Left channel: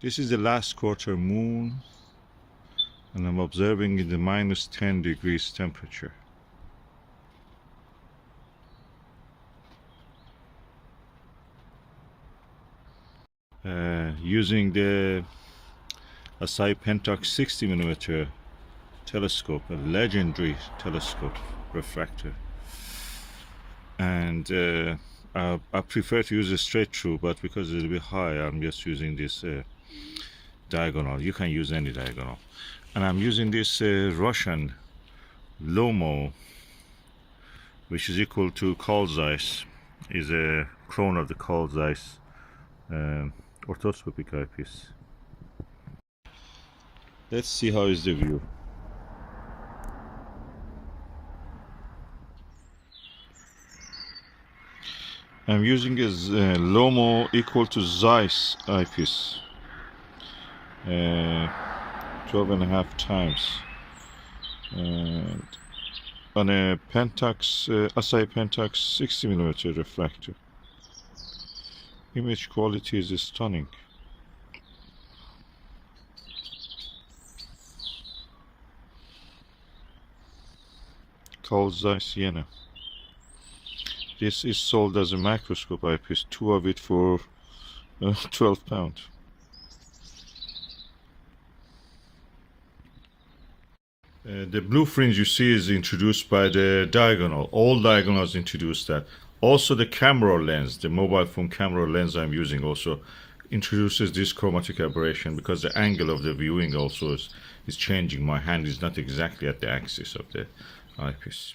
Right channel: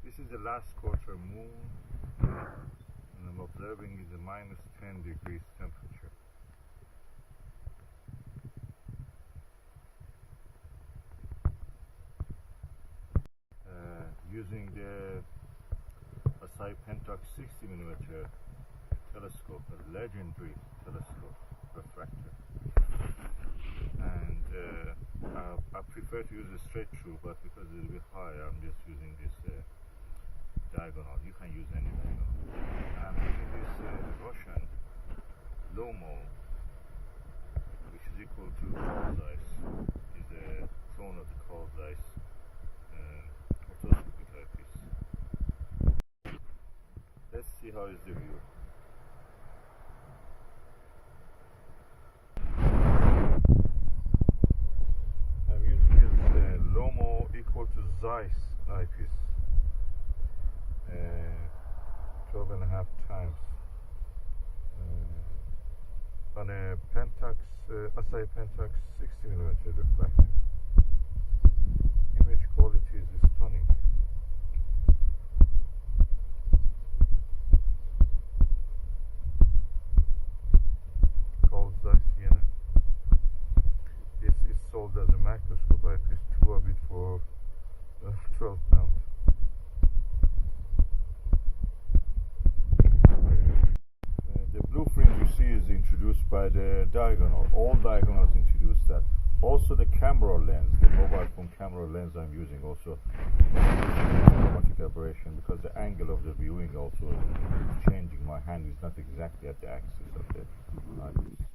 This is the last quarter moon, and I'm observing in the -10 degrees temperature. Using the Asahi-Pentax 60mm telescope, a legendary telescope refractor, and I prefer to use a straight through, but because it's a bit high, I'm just using this diagonal. You can use any diagonal, and I'm using this Russian LOMO, which is equal to Carl Zeiss, is a clone of the Carl Zeiss orthoscopic eyepiece. Let's see how is the view. I'm using a LOMO equal to Zeiss eyepiece, 12.5 times, and on a Pentax, Asahi-Pentax 60mm refractor. Image quality is stunning. Carl Zeiss Jena. This is sold as a microscope eyepiece, 2 of it for £12. The blue fringe you see is introduced by the diagonal. All diagonals introduce that. Also the camera lens, the mobile phone camera lens I'm using, also introduces this chromatic aberration, because the angle of the viewing also is changing. My hand is not exactly at the axis of the eyepiece.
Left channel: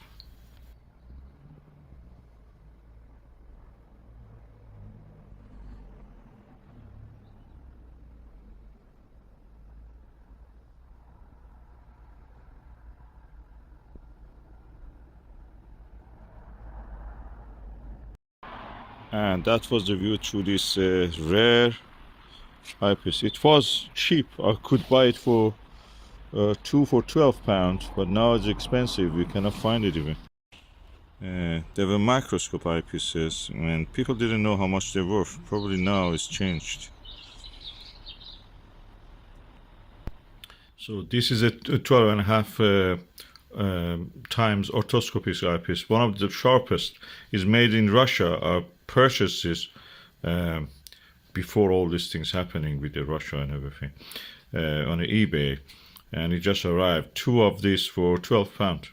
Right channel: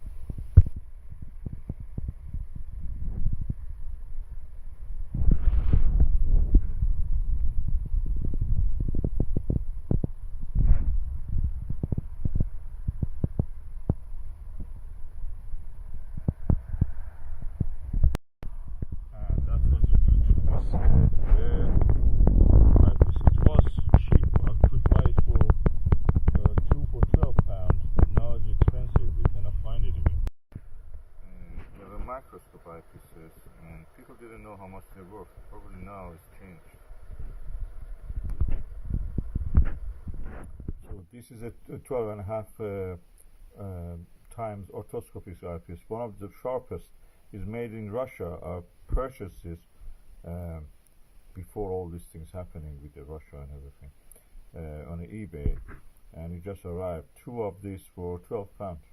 And that was the view through this rare eyepiece. It was cheap. I could buy it for 2 for £12, but now it's expensive. We cannot find it even. There were microscope eyepieces, and people didn't know how much they're worth. Probably now it's changed. So this is a 12.5 times orthoscopic eyepiece. One of the sharpest, is made in Russia. Purchases before all these things happening with the Russia and everything on eBay, and it just arrived. 2 of these for £12.